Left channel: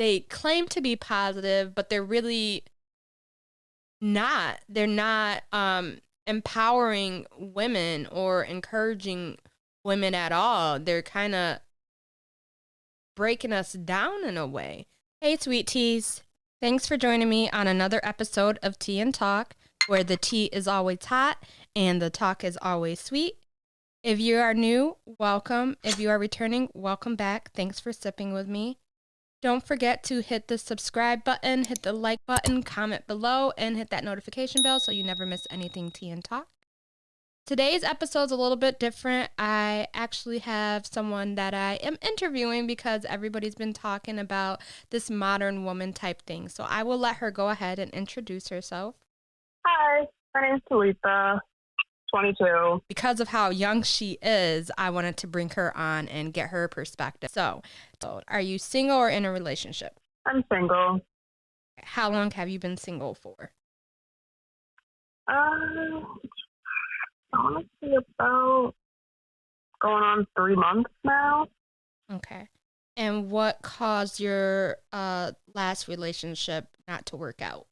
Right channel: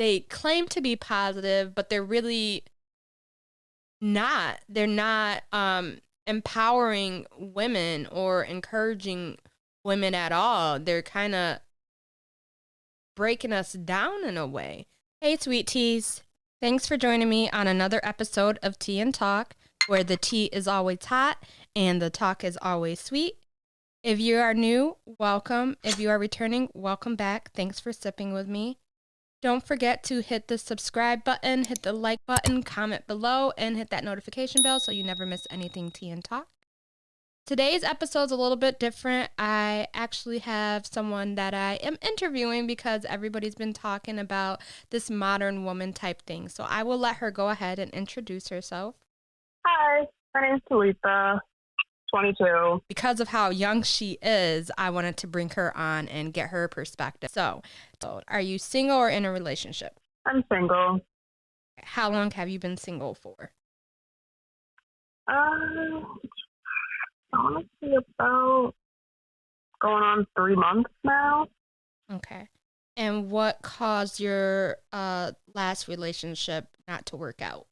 they claim to be positive, but they're really not. They're not empowering women or encouraging women at all. They're kind of breaking us down in a way. Hey, sweet teas. Thanks for joining me on another episode of Tea and Talk, where the tea is always hot and the talk is always sweet. If you are new, welcome. If you are returning, welcome back. Thanks for sipping with me. Don't forget to hit the subscribe button, hit the like button, comment below, and hit that notification bell so you never miss anything Tea and Talk. Today's episode's a little bit different. I actually have someone that I am interviewing because everybody's been talking about this modern woman type thing. So I will let her go ahead and introduce herself. Hi, my name's Talitha, 22. Because of how young she is, I wanted to bring her on and get her perspective. So are you single or in a relationship? I'm single. How long have you been single for? Honestly, about going on 3 months now. Okay. And what caused your last relationship not to work out?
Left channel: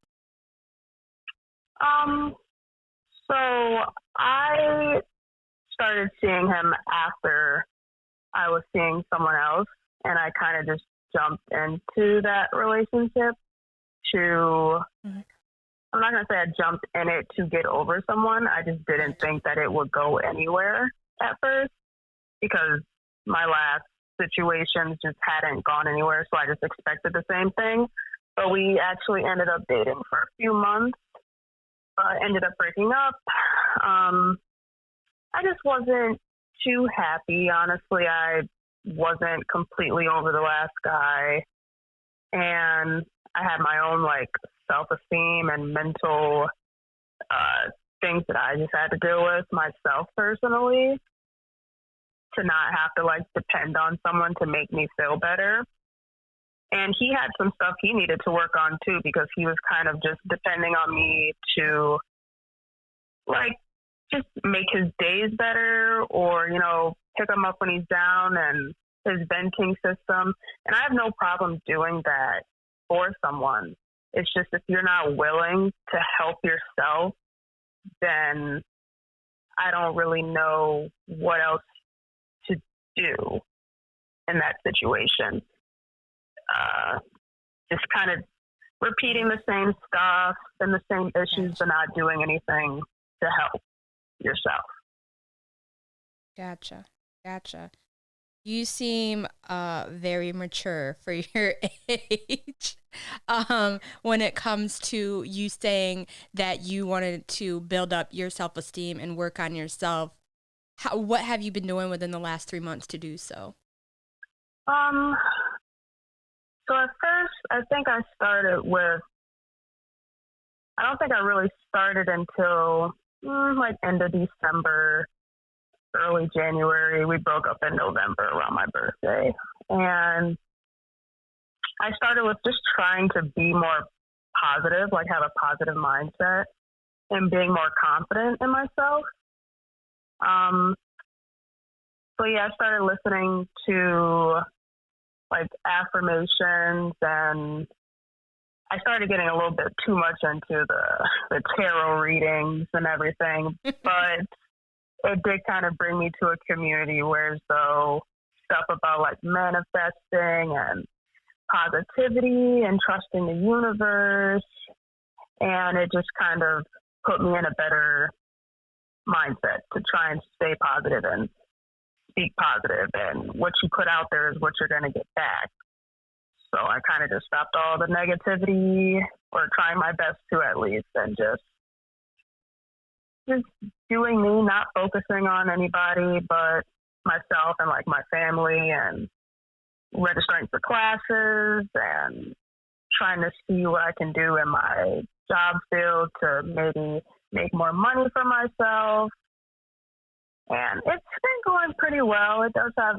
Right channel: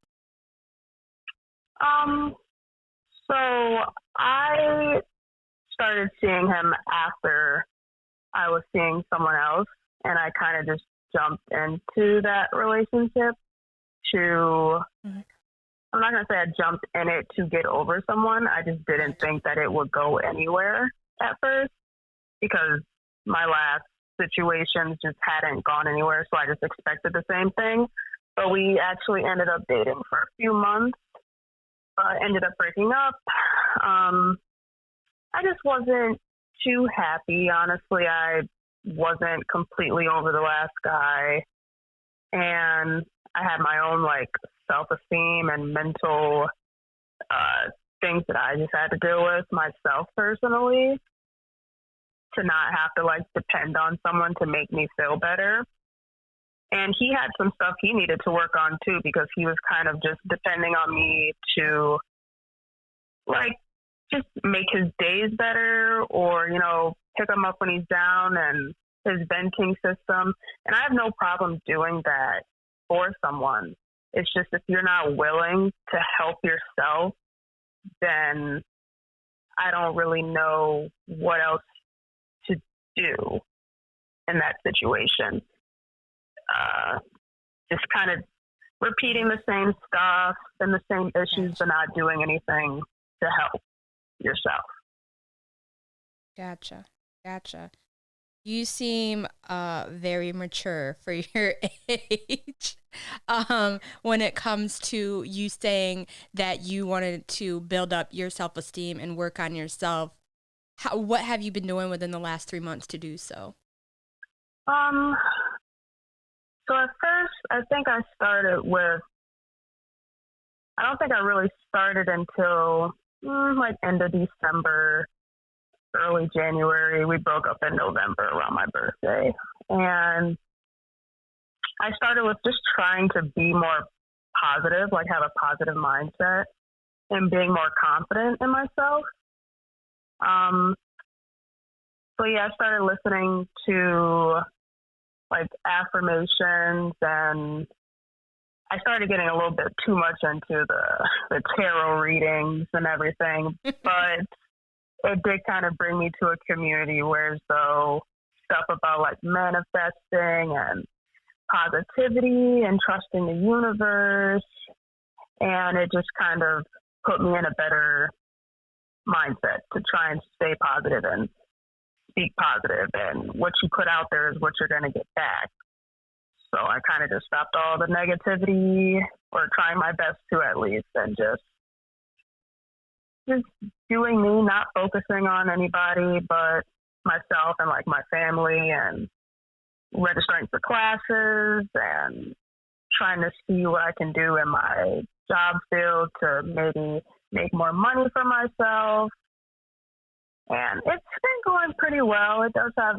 So I started seeing him after I was seeing someone else, and I kind of just jumped into that relationship to, I'm not going to say I jumped in it to get over someone. I just didn't think that it would go anywhere at first because my last situations just hadn't gone anywhere, so I just expected the same thing. But we actually ended up dating for a few months. Ended up breaking up. I just wasn't too happy. Honestly, I wasn't completely over the last guy. And I had my own, self-esteem and mental things that I just had to deal with myself personally to not have to, depend on someone to make me feel better. And he had some stuff he needed to work on, too, because he was kind of just depending on me to, just make his days better or, pick him up when he's down and his venting system. And I have no problem doing that for someone. It's just if you're not willing to help yourself, then I don't really know what else to do in that situation. Just kind of repeating the same stuff and the same issues, but not doing anything to help yourself. Gotcha. You seem very mature for your age. When it comes to you saying that you wanted to build up your self-esteem and work on yourself, what have you been doing within the last 3 months to do so? So at first, I think I started with, I don't think I really started until end of December, early January. We broke up in November around my birthday. And I started with just trying to be more positive, have a positive mindset and being more confident in myself. So yeah, I started listening to affirmations, and I started getting a little bit too much into the tarot readings and everything, but it did kind of bring me to a community where so stuff about manifesting and positivity and trusting the universe, and it just kind of put me in a better mindset to try and stay positive and speak positive, and what you put out there is what you're going to get back. So I kind of just stopped all the negativity, or trying my best to at least, and just doing me, not focusing on anybody but myself and my family, and registering for classes and trying to see what I can do in my job field to maybe make more money for myself. And it's been going pretty well. It does have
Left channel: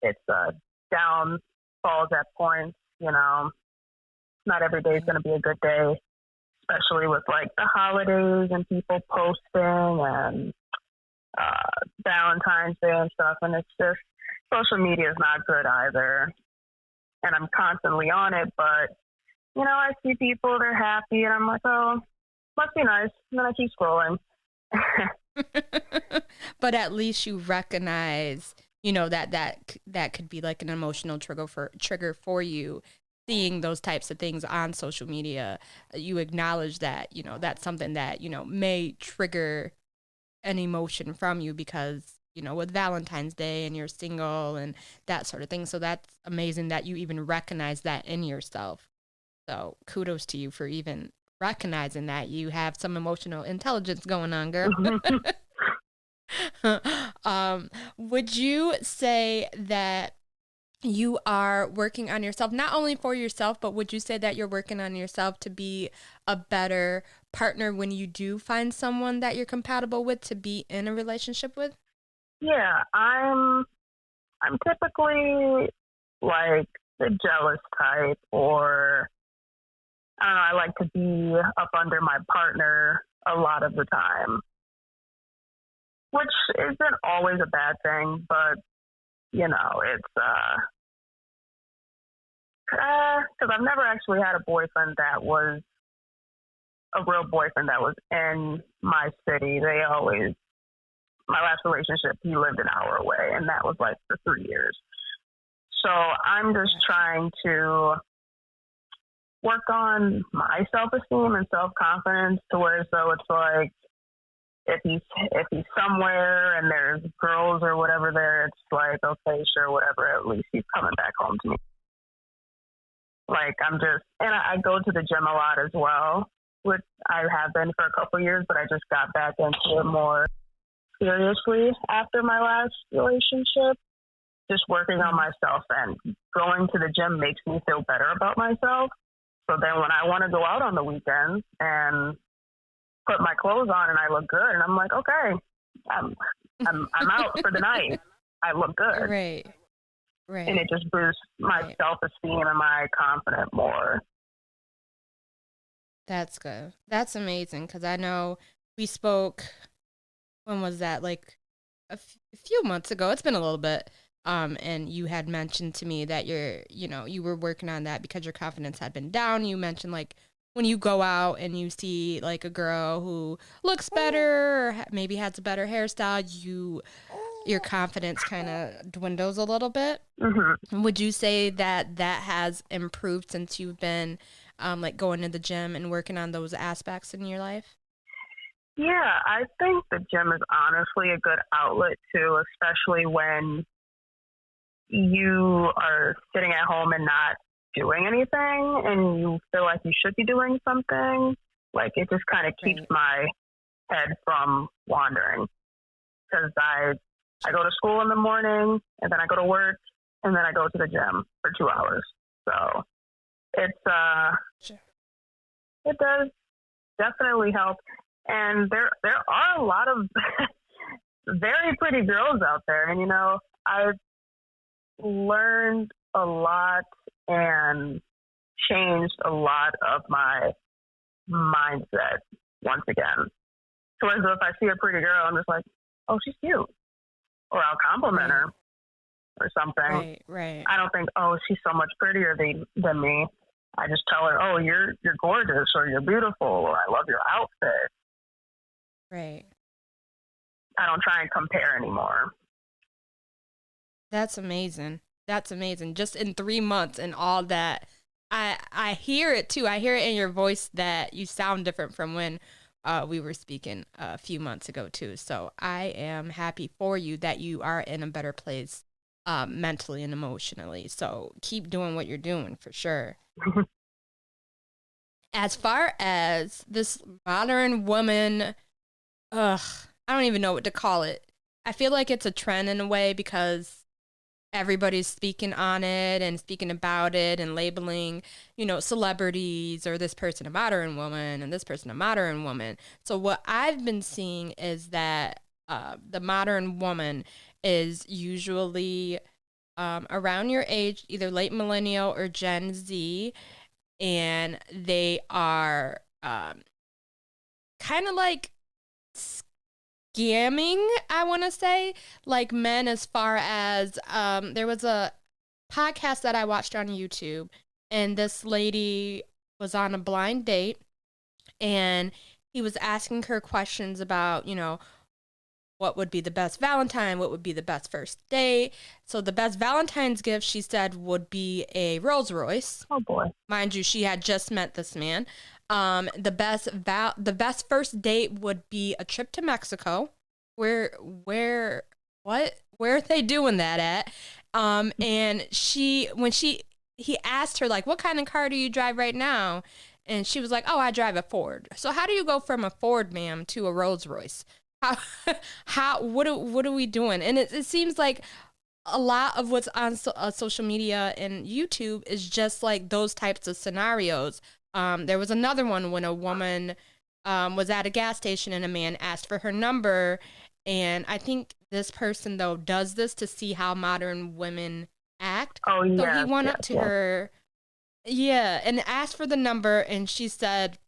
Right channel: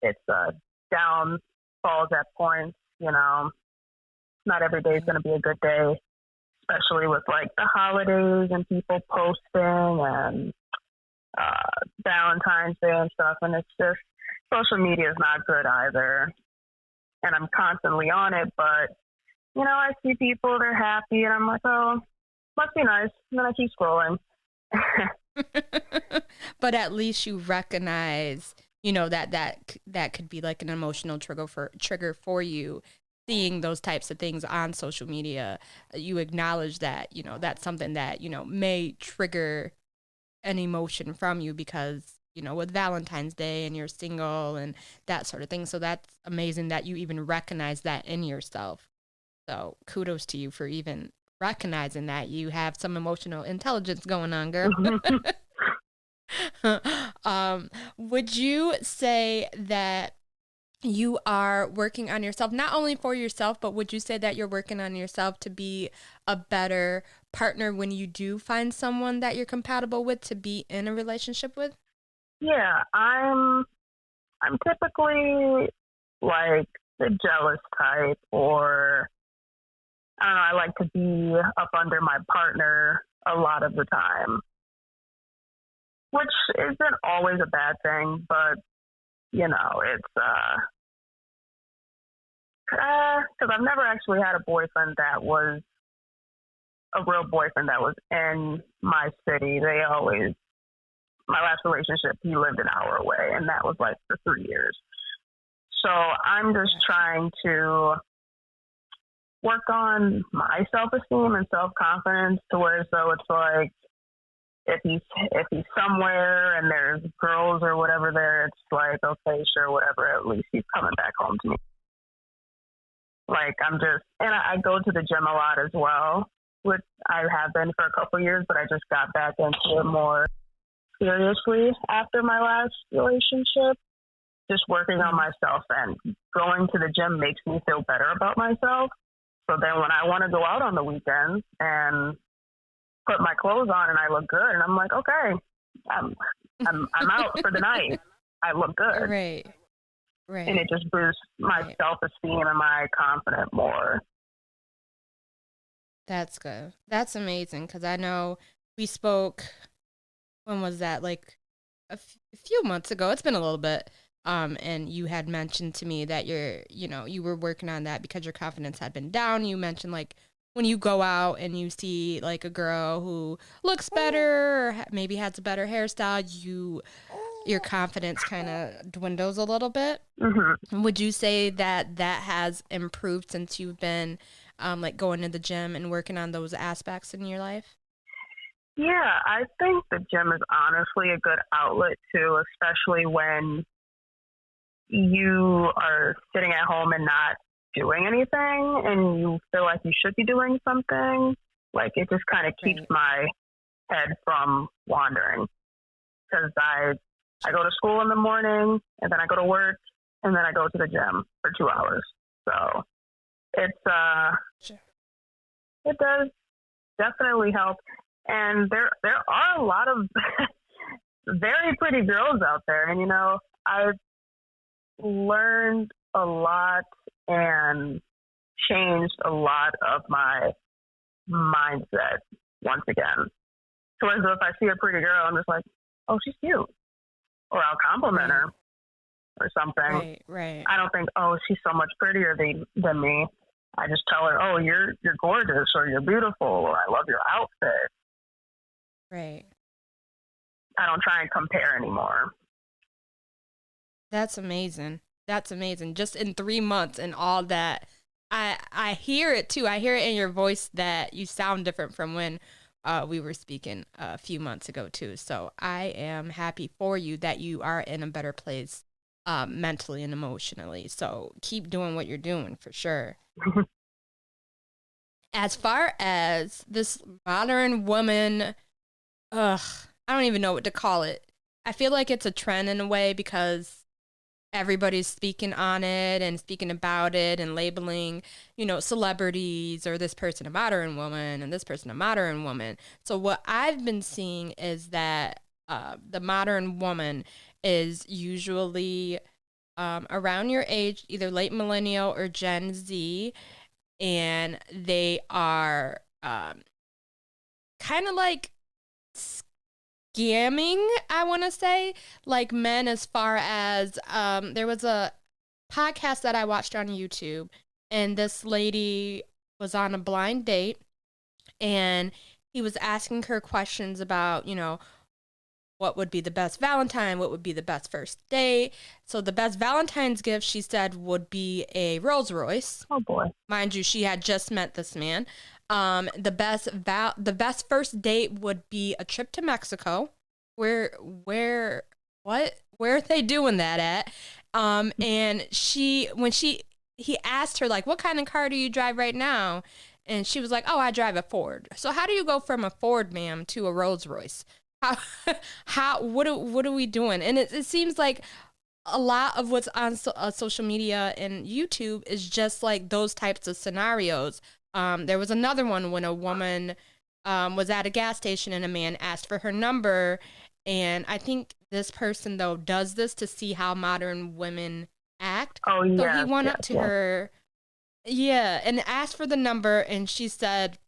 its downfalls at points, Not every day is going to be a good day, especially with the holidays and people posting and Valentine's Day and stuff. And it's just, social media is not good either. and I'm constantly on it, but I see people, they're happy, and I'm like, oh, must be nice. And then I keep scrolling. But at least you recognize, that could be like an emotional trigger for you, seeing those types of things on social media. You acknowledge that, that's something that, may trigger an emotion from you because, with Valentine's Day and you're single and that sort of thing. So that's amazing that you even recognize that in yourself. So kudos to you for even recognizing that you have some emotional intelligence going on, girl. Would you say that you are working on yourself, not only for yourself, but would you say that you're working on yourself to be a better partner when you do find someone that you're compatible with to be in a relationship with? Yeah, I'm typically like the jealous type, or I don't know, I like to be up under my partner a lot of the time, which isn't always a bad thing, but it's because I've never actually had a boyfriend that was a real boyfriend that was in my city. My last relationship, he lived an hour away, and that was like for 3 years. So I'm just trying to work on my self-esteem and self-confidence to where so it's like if he's somewhere and there's girls or whatever there, it's like, okay, sure, whatever, at least he's coming back home to me. Like I go to the gym a lot as well, which I have been for a couple of years, but I just got back into it more seriously after my last relationship. Just working on myself, and going to the gym makes me feel better about myself. So then when I want to go out on the weekends and put my clothes on and I look good, and I'm like, okay, I'm out for the night. I look good. Right. Right. And it just boosts my self-esteem and my confidence more. That's good. That's amazing because I know we spoke, when was that? Like a few months ago. It's been a little bit. And you had mentioned to me that you were working on that because your confidence had been down. You mentioned like when you go out and you see like a girl who looks better or maybe has a better hairstyle, your confidence kind of dwindles a little bit. Mm-hmm. Would you say that has improved since you've been like going to the gym and working on those aspects in your life? Yeah, I think the gym is honestly a good outlet too, especially when you are sitting at home and not doing anything and you feel like you should be doing something. Like it just kind of keeps my head from wandering, because I go to school in the morning and then I go to work and then I go to the gym for 2 hours. So it's it does definitely help. And there are a lot of very pretty girls out there, and I've learned a lot and changed a lot of my mindset once again. So as if I see a pretty girl, I'm just like, oh, she's cute, or I'll compliment her or something. Right. I don't think, oh, she's so much prettier than me. I just tell her, oh, you're gorgeous, or you're beautiful, or I love your outfit. Right. I don't try and compare anymore. That's amazing. That's amazing. Just in 3 months and all that. I hear it too. I hear it in your voice that you sound different from when we were speaking a few months ago too. So I am happy for you that you are in a better place mentally and emotionally. So keep doing what you're doing for sure. As far as this modern woman, I don't even know what to call it. I feel like it's a trend in a way because everybody's speaking on it and speaking about it and labeling, celebrities or this person a modern woman and this person a modern woman. So what I've been seeing is that the modern woman is usually around your age, either late millennial or Gen Z, and they are kind of like scamming, I want to say, like men, as far as there was a podcast that I watched on YouTube, and this lady was on a blind date, and he was asking her questions about, what would be the best Valentine? What would be the best first date? So the best Valentine's gift, she said, would be a Rolls Royce. Oh boy. Mind you, she had just met this man. The best first date would be a trip to Mexico. Where are they doing that at? And he asked her, like, what kind of car do you drive right now? And she was like, oh, I drive a Ford. So how do you go from a Ford, ma'am, to a Rolls Royce? What are we doing? And it seems like a lot of what's on social media and YouTube is just like those types of scenarios. There was another one when a woman was at a gas station and a man asked for her number. And I think this person, though, does this to see how modern women act. Oh, yeah, so he went up to her, and asked for the number. And she said,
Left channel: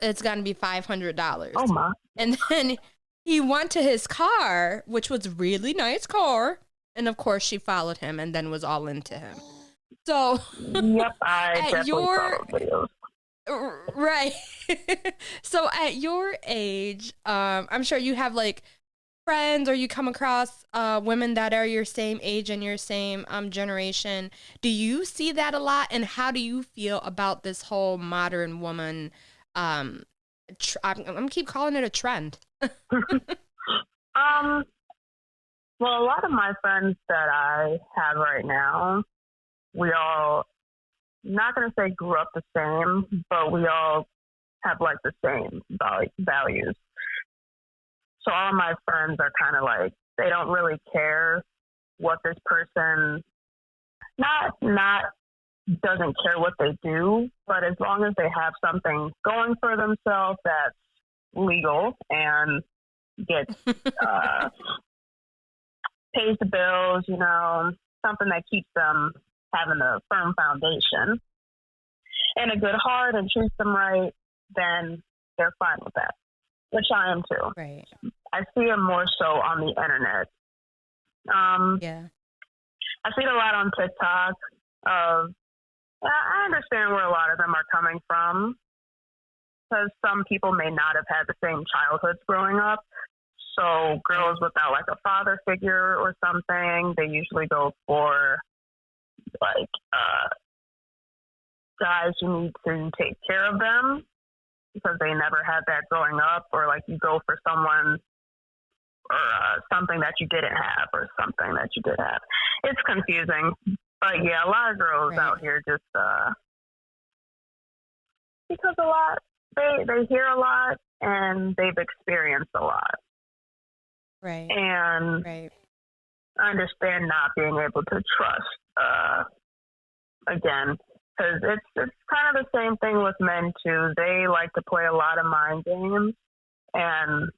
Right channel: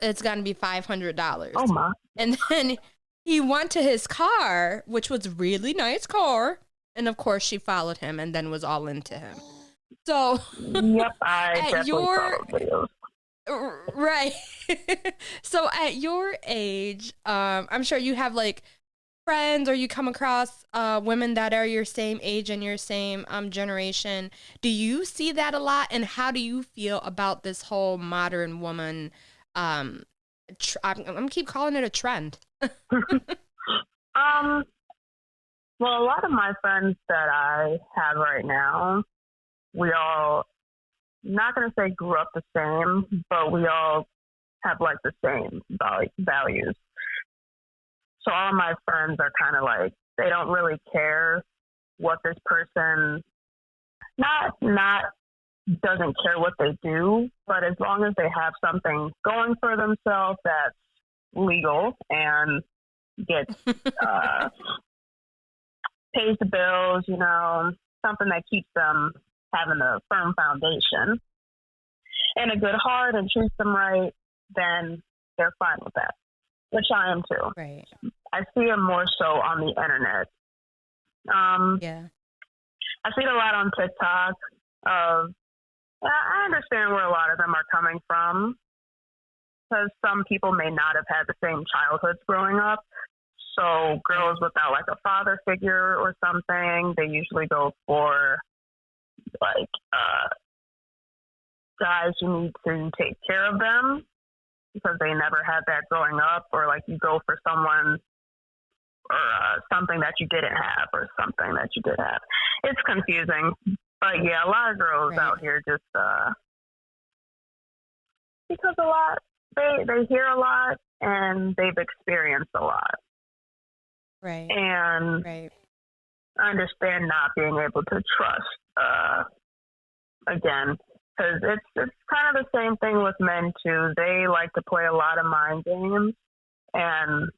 it's going to be $500. Oh, and then he went to his car, which was a really nice car. And of course, she followed him and then was all into him. So yep, at your right. So at your age, I'm sure you have like friends, or you come across women that are your same age and your same generation. Do you see that a lot? And how do you feel about this whole modern woman? I'm gonna keep calling it a trend. Well, a lot of my friends that I have right now, we all, not going to say grew up the same, but we all have like the same values. So all of my friends are kind of like, they don't really care what this person, not doesn't care what they do, but as long as they have something going for themselves that's legal and gets pays the bills, something that keeps them having a firm foundation and a good heart and treats them right, then they're fine with that, which I am too. Right. I see it more so on the internet. Yeah. I see it a lot on TikTok. I understand where a lot of them are coming from, because some people may not have had the same childhoods growing up. So girls without like a father figure or something, they usually go for like guys who need to take care of them because they never had that growing up, or like you go for someone or something that you didn't have or something that you did have. It's confusing, but yeah, a lot of girls out here just because a lot they hear a lot and they've experienced a lot. Right. And right. I understand not being able to trust again, because it's kind of the same thing with men too. They like to play a lot of mind games, and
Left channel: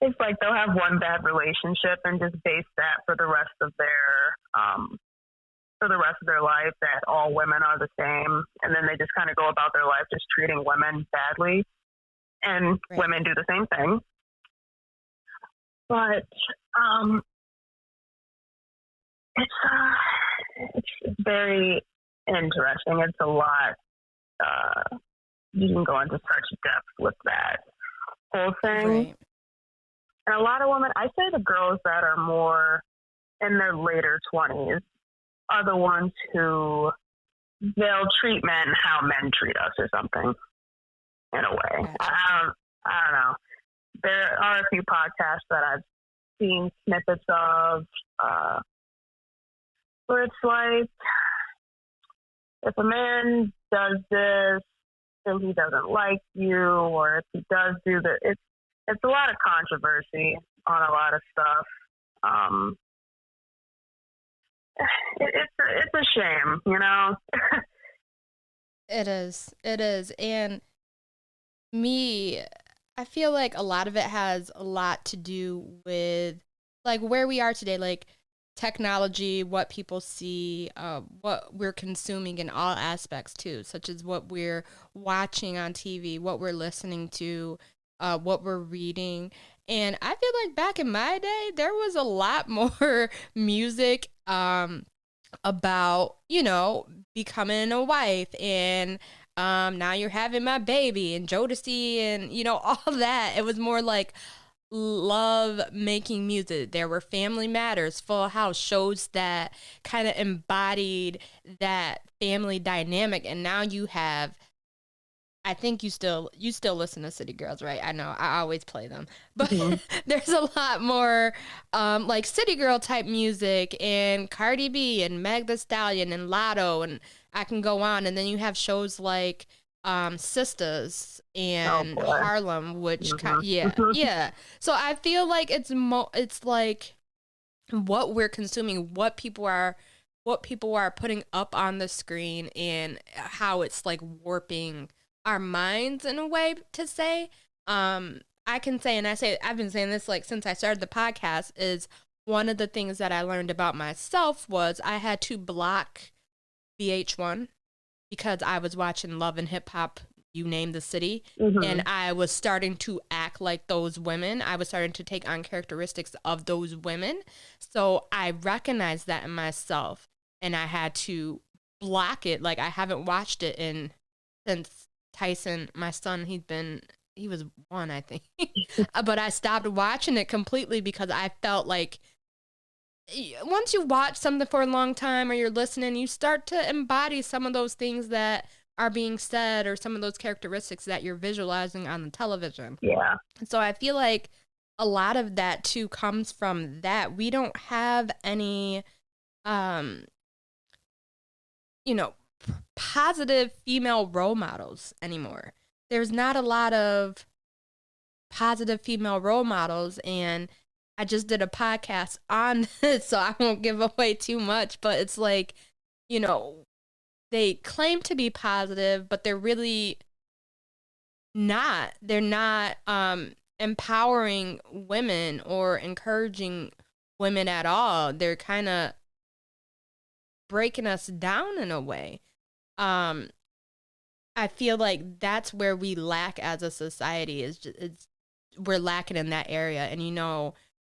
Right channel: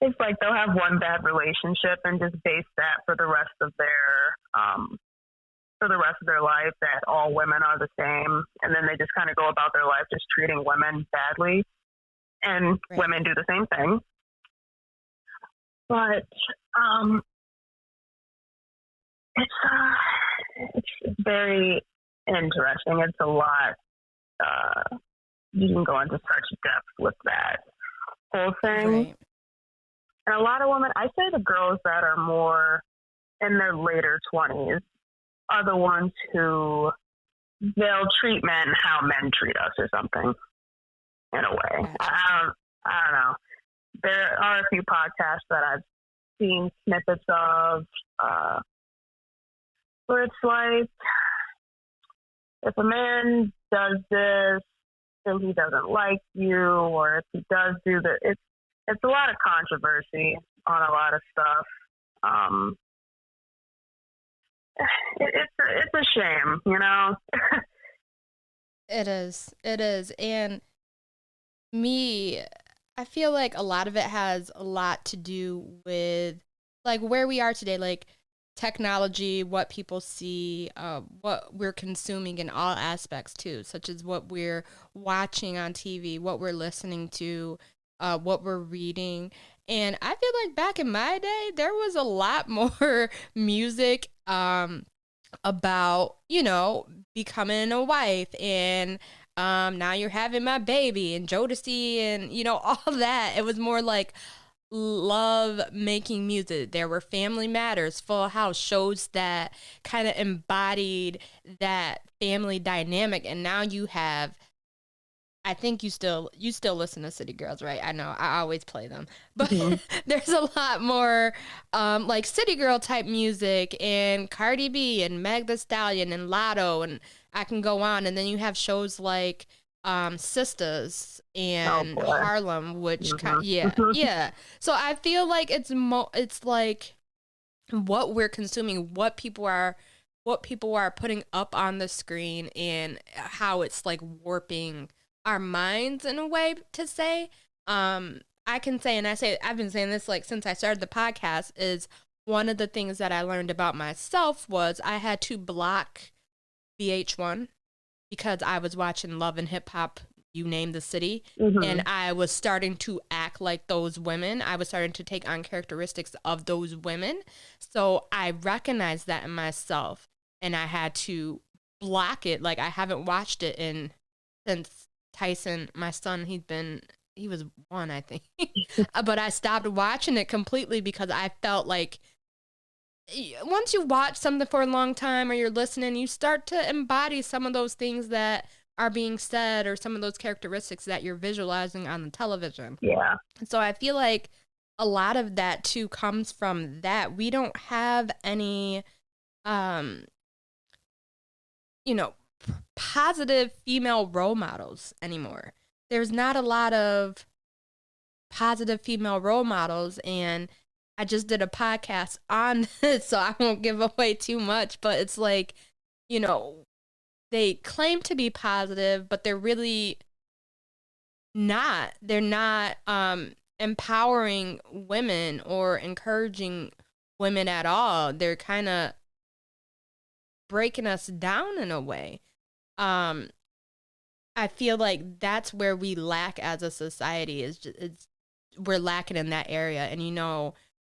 it's like they'll have one bad relationship and just base that for the rest of their life, that all women are the same, and then they just kind of go about their life just treating women badly, and women do the same thing. But it's very interesting. It's a lot. You can go into such depth with that whole thing. Right. And a lot of women, I say the girls that are more in their later 20s are the ones who they'll treat men how men treat us or something, in a way. Gotcha. I don't know. There are a few podcasts that I've seen snippets of where it's like, if a man does this, then he doesn't like you, or if he does do that, it's a lot of controversy on a lot of stuff. It's a shame, It is. And I feel like a lot of it has a lot to do with like where we are today, like technology, what people see, what we're consuming in all aspects too, such as what we're watching on TV, what we're listening to, what we're reading. And I feel like back in my day, there was a lot more music about, becoming a wife and now you're having my baby and Jodeci and, all that. It was more like love making music. There were Family Matters, Full House, shows that kind of embodied that family dynamic. And now you have, I think you still listen to City Girls, right? I know I always play them, but Mhm. there's a lot more like City Girl type music and Cardi B and Meg Thee Stallion and Lotto, and I can go on. And then you have shows like Sisters Oh and boy. Harlem, which Uh-huh. yeah. So I feel like it's like what we're consuming, what people are putting up on the screen, and how it's like warping our minds in a way to say. I can say, and I've been saying this like since I started the podcast, is one of the things that I learned about myself was I had to block VH1 because I was watching Love and Hip Hop, you name the city, and Mhm. I was starting to act like those women. I was starting to take on characteristics of those women. So I recognized that in myself, and I had to block it. Like I haven't watched it in since Tyson, my son, he was one, I think. But I stopped watching it completely because I felt like once you watch something for a long time or you're listening, you start to embody some of those things that are being said or some of those characteristics that you're visualizing on the television. Yeah. So I feel like a lot of that too comes from that. We don't have any um you know positive female role models anymore. There's not a lot of positive female role models, and I just did a podcast on this, so I won't give away too much, but it's like, you know, they claim to be positive, but they're really not. They're not empowering women or encouraging women at all. They're kind of breaking us down in a way. Um I feel like that's where we lack as a society is just, we're lacking in that area. And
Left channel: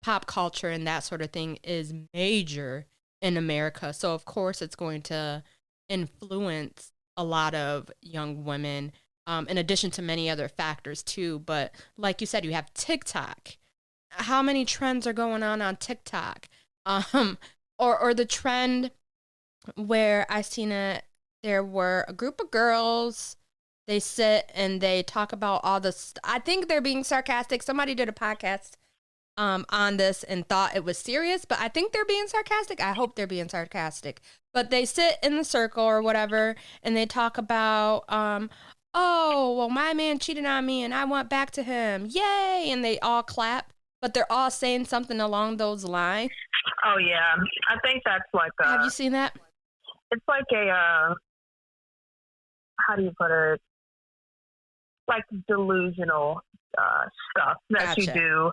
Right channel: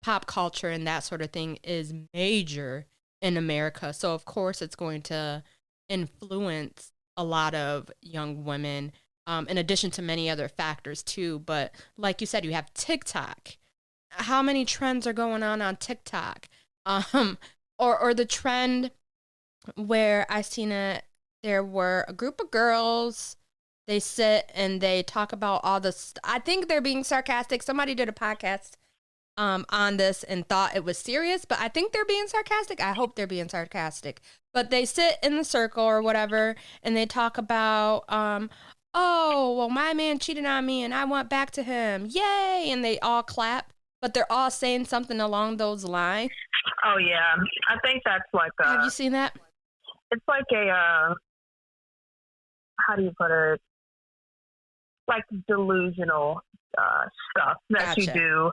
pop culture and that sort of thing is major in America. So of course it's going to influence a lot of young women, in addition to many other factors too. But like you said, you have TikTok. How many trends are going on TikTok? Um, or the trend where I seen it, there were a group of girls. They sit and they talk about all this. I think they're being sarcastic. Somebody did a podcast on this and thought it was serious, but I think they're being sarcastic. I hope they're being sarcastic. But they sit in the circle or whatever, and they talk about, oh, well, my man cheated on me and I went back to him. Yay! And they all clap, but they're all saying something along those lines. Oh yeah. I think that's like Have you seen that? it's like a how do you put it? Like delusional stuff that you Gotcha. do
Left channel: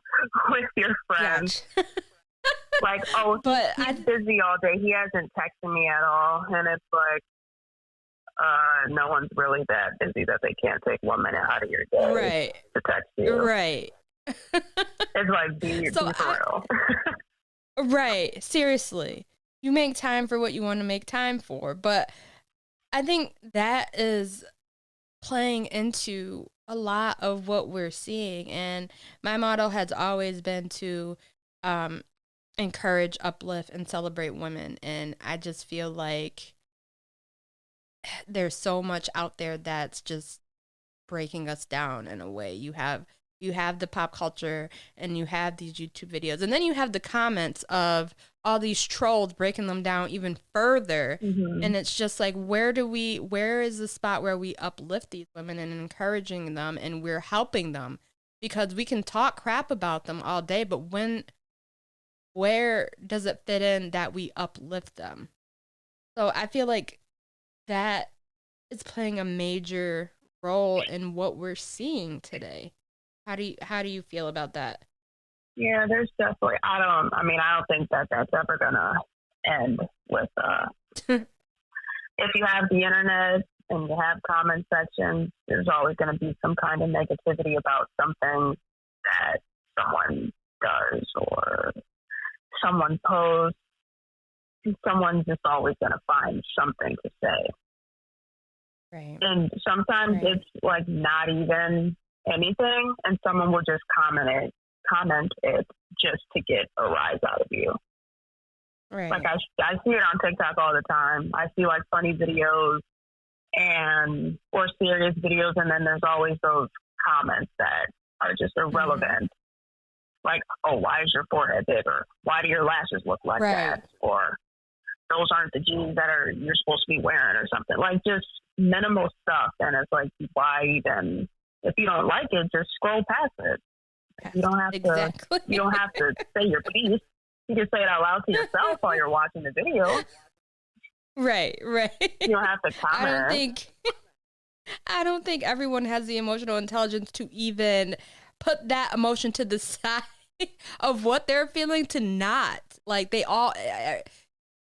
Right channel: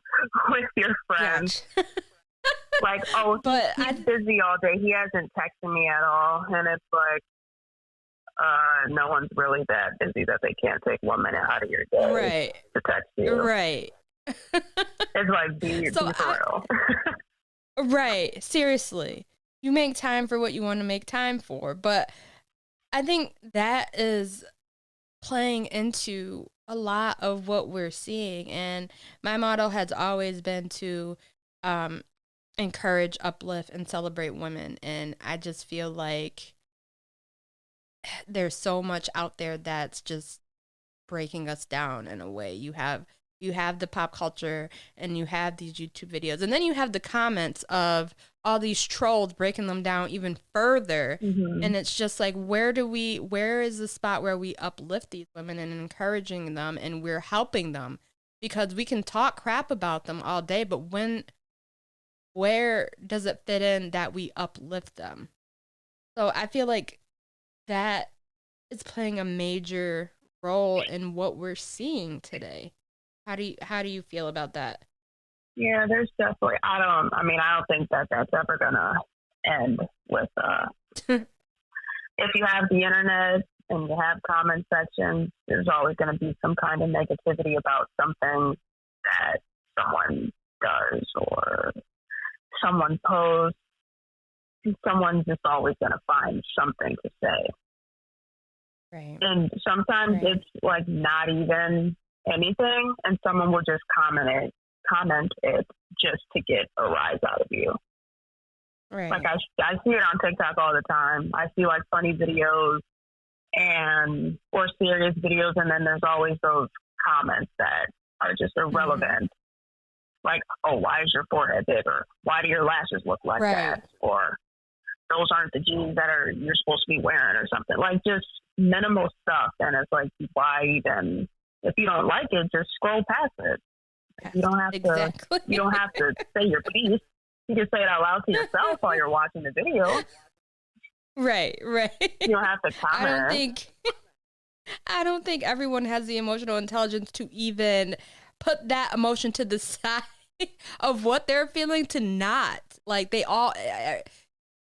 with your friends. Gotcha. Like, oh, But he's busy all day. He hasn't texted me at all, and it's like, no one's really that busy that they can't take 1 minute out of your day right, to text you. right. It's like, be So for real. right, seriously, you make time for what you want to make time for. But I think that is playing into a lot of what we're seeing. And my motto has always been to um, encourage, uplift, and celebrate women. And I just feel like there's so much out there that's just breaking us down in a way. You have the pop culture and you have these YouTube videos, and then you have the comments of all these trolls breaking them down even further. Mm-hmm. And it's just like, where is the spot where we uplift these women and encouraging them and we're helping them? Because we can talk crap about them all day, but where does it fit in that we uplift them? So I feel like that is playing a major role in what we're seeing today. How do you feel about that? Yeah, there's definitely. I don't think that that's ever gonna end with. If you have the internet and you have comment sections, there's always going to be some kind of negativity about something that someone does or someone posts, someone's just always going to find something to say. Right. And sometimes it's like not even anything, and someone will just comment it just to get a rise out of you. Right. Like I see it on TikTok all the time. I see like funny videos or serious videos, and then there's always those comments that are just irrelevant. Mm-hmm. Like, oh, why is your forehead big? Or why do your lashes look like that? Or those aren't the jeans that you're supposed to be wearing, or something. Like just minimal stuff. And it's like, why even? If you don't like it, just scroll past it. You don't have exactly. You don't have to say your piece. You can say it out loud to yourself while you're watching the video. Right. You don't have to comment. I don't think everyone has the emotional intelligence to even put that emotion to the side of what they're feeling to not. Like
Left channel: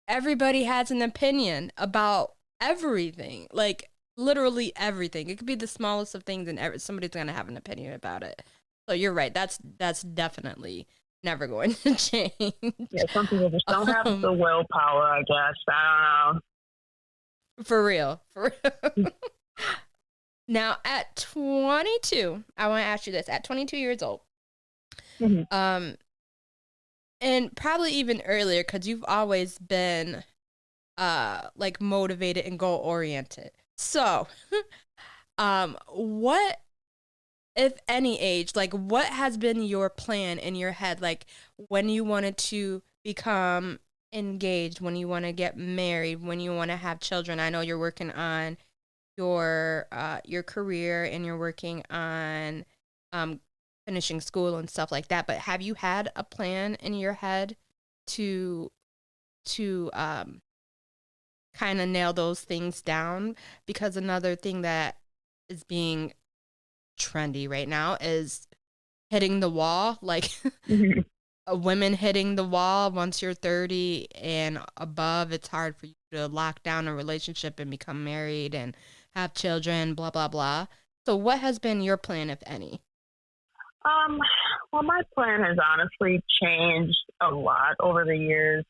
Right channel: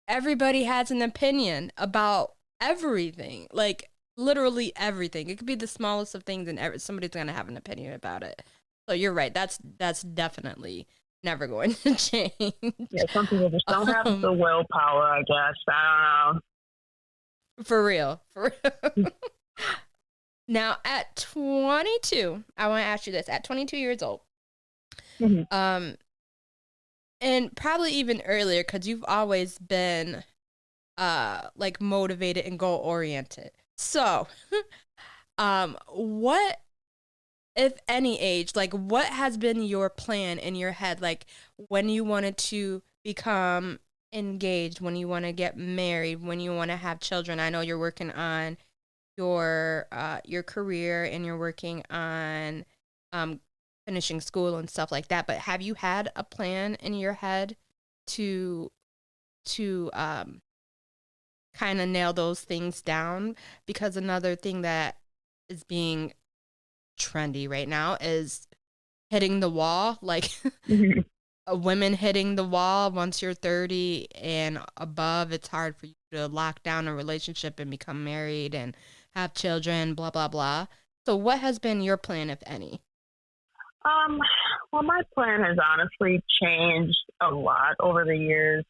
everybody has an opinion about everything, like literally everything. It could be the smallest of things and somebody's going to have an opinion about it. So you're right. That's definitely never going to change. Yeah, some people just don't have the willpower, I guess. I don't know. For real. Now, at 22, I want to ask you this. At 22 years old, mm-hmm. And probably even earlier, because you've always been like motivated and goal oriented. So, what, if any age, like what has been your plan in your head? Like when you wanted to become engaged, when you want to get married, when you want to have children. I know you're working on your career and you're working on finishing school and stuff like that. But have you had a plan in your head to kind of nail those things down? Because another thing that is being trendy right now is hitting the wall, like mm-hmm. Women hitting the wall. Once you're 30 and above, it's hard for you to lock down a relationship and become married and have children, blah blah blah. So what has been your plan, if any? Well, my plan has honestly changed a lot over the years,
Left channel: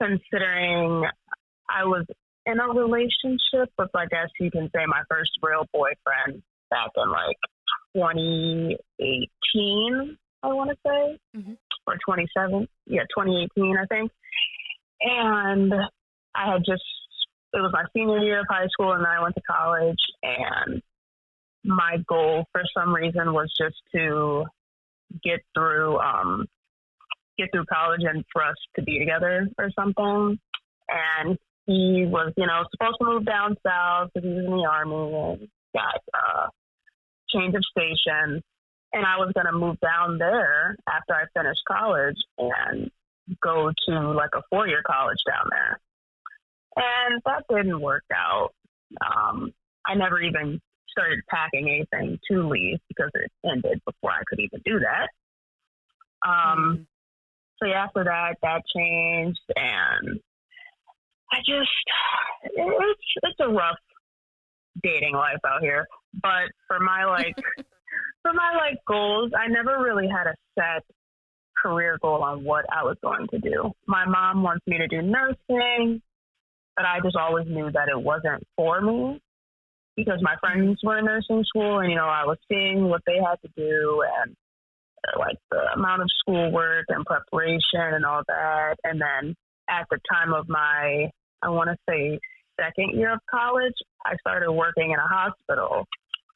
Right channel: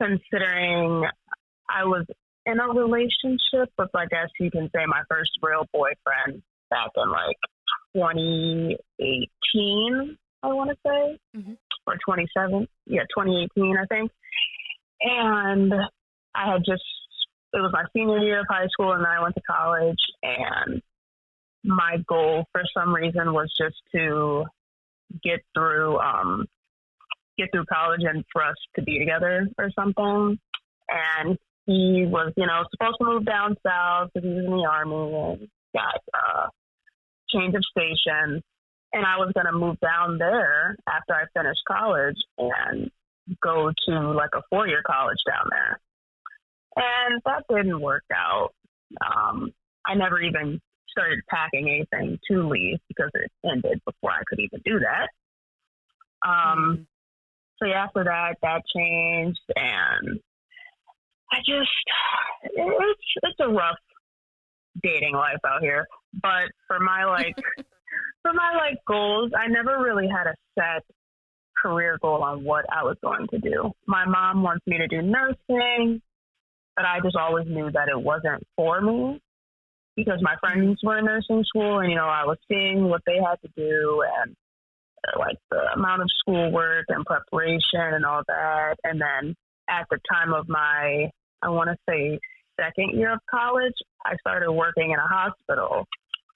considering I was in a relationship with, I guess you can say, my first real boyfriend back in like 2018, I want to say, mm-hmm. or 2018, I think. And it was my senior year of high school, and then I went to college, and my goal for some reason was just to get through college and for us to be together or something. And he was, supposed to move down south because he was in the Army and got change of station. And I was going to move down there after I finished college and go to like a 4-year college down there. And that didn't work out. I never even started packing anything to leave because it ended before I could even do that. So yeah, after that changed, and it's a rough dating life out here. But for my goals, I never really had a set career goal on what I was going to do. My mom wants me to do nursing, but I just always knew that it wasn't for me because my friends were in nursing school, and I was seeing what they had to do and like the amount of schoolwork and preparation and all that. And then at the time of my, I want to say, second year of college, I started working in a hospital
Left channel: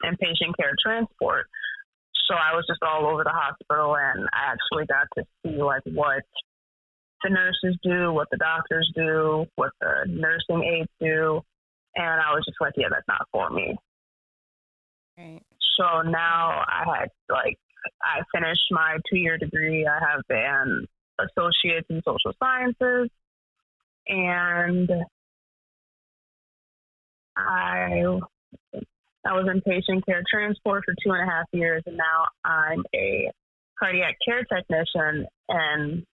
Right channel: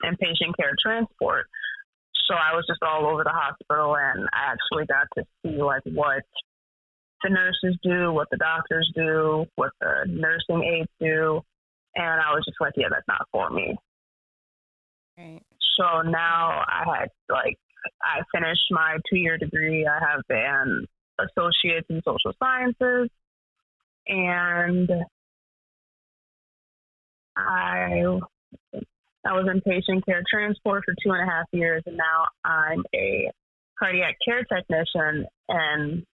in patient care transport. So I was just all over the hospital, and I actually got to see like what the nurses do, what the doctors do, what the nursing aides do. And I was just like, yeah, that's not for me. Right. So now I finished my 2-year degree. I have an associate's in social sciences, and I was in patient care transport for 2.5 years, and now I'm a cardiac care technician in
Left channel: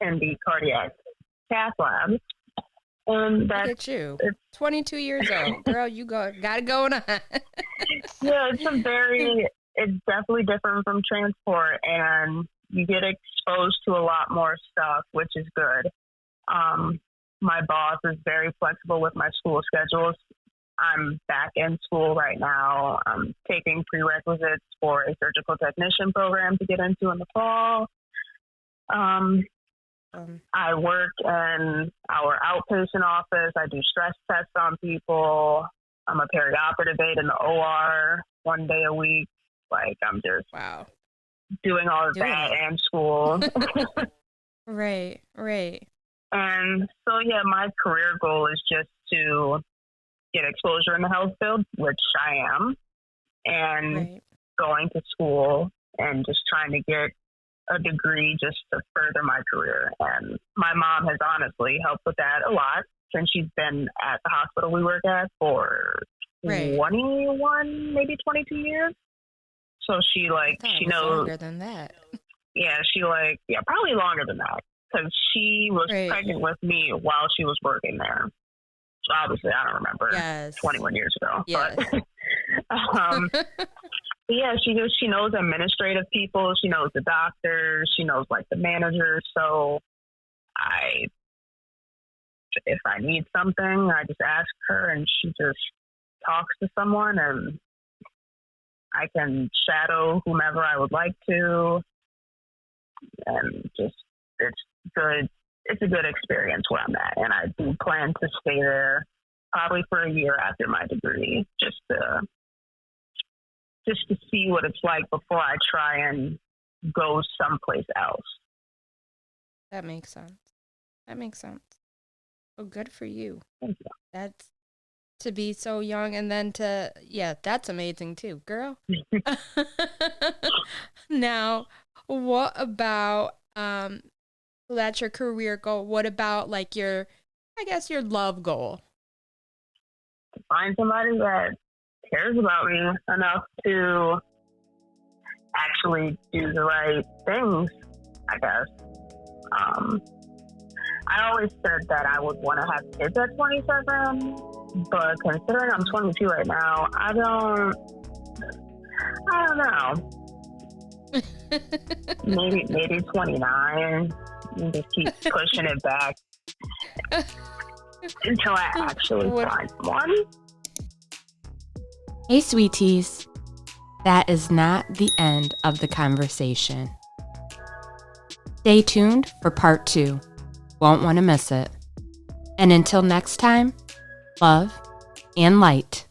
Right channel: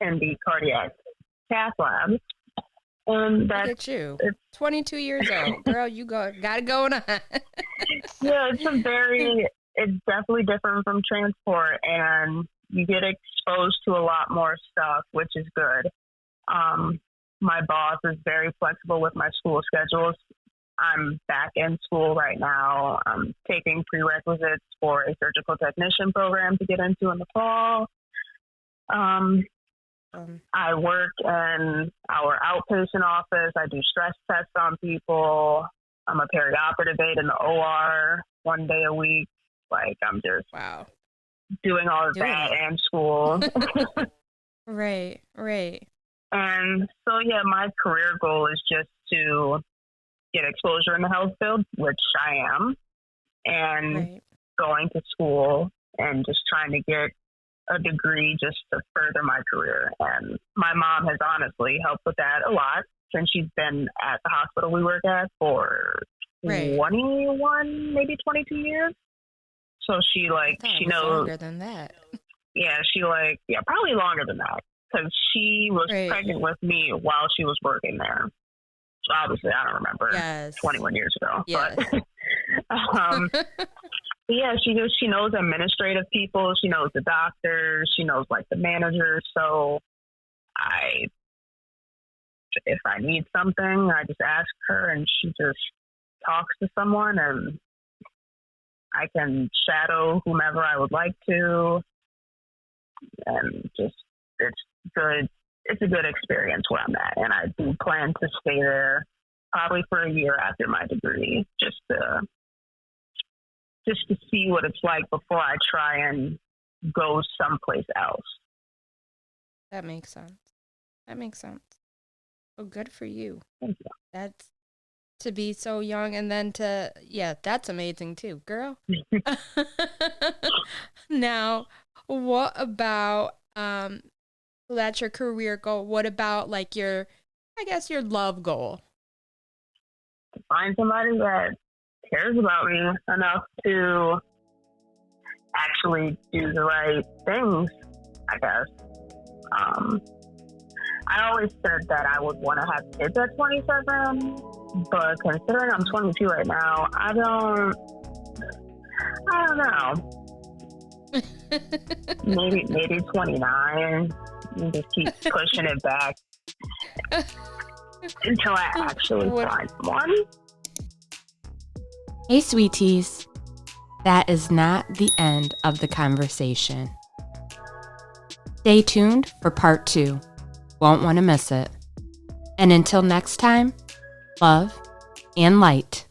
the cardiac cath lab. Look at you, 22 years old, girl. You got it going on. Yeah, it's a very it's definitely different from transport, and you get exposed to a lot more stuff, which is good. My boss is very flexible with my school schedules. I'm back in school right now. I'm taking prerequisites for a surgical technician program to get into in the fall. I work in our outpatient office. I do stress tests on people. I'm a perioperative aide in the OR 1 day a week. Like, I'm just doing all of that and school. Right. And so, yeah, my career goal is just to get exposure in the health field, which I am, and going to school and just trying to get a degree just to further my career. And my mom has honestly helped with that a lot since she's been at the hospital we work at for 21, maybe 22 years. So she I thought it was longer than that. Yeah, probably longer than that, because she was pregnant with me while she was working there. So obviously, I don't remember. 21 years ago. Yes. Yeah, she knows administrative people. She knows the doctors. She knows like the managers. So if I need something, I just ask her, and she just talks to someone, and I can shadow whomever I would like to, and just it's good. It's a good experience where I'm at, and I do plan to stay there probably for a year after my degree, just to see what it's like before I try and go someplace else. That makes sense. Oh, good for you. Thank you. That's to be so young, and then that's amazing too, girl. Now, what about that's your career goal? What about like your love goal? Find somebody that cares about me enough to actually do the right things, I guess. I always said that I would want to have kids at 27, but considering I'm 22 right now, I don't know. maybe 29, and just keep pushing it back until I actually find one. Hey, sweeties. That is not the end of the conversation. Stay tuned for part 2. Won't want to miss it. And until next time, love and light.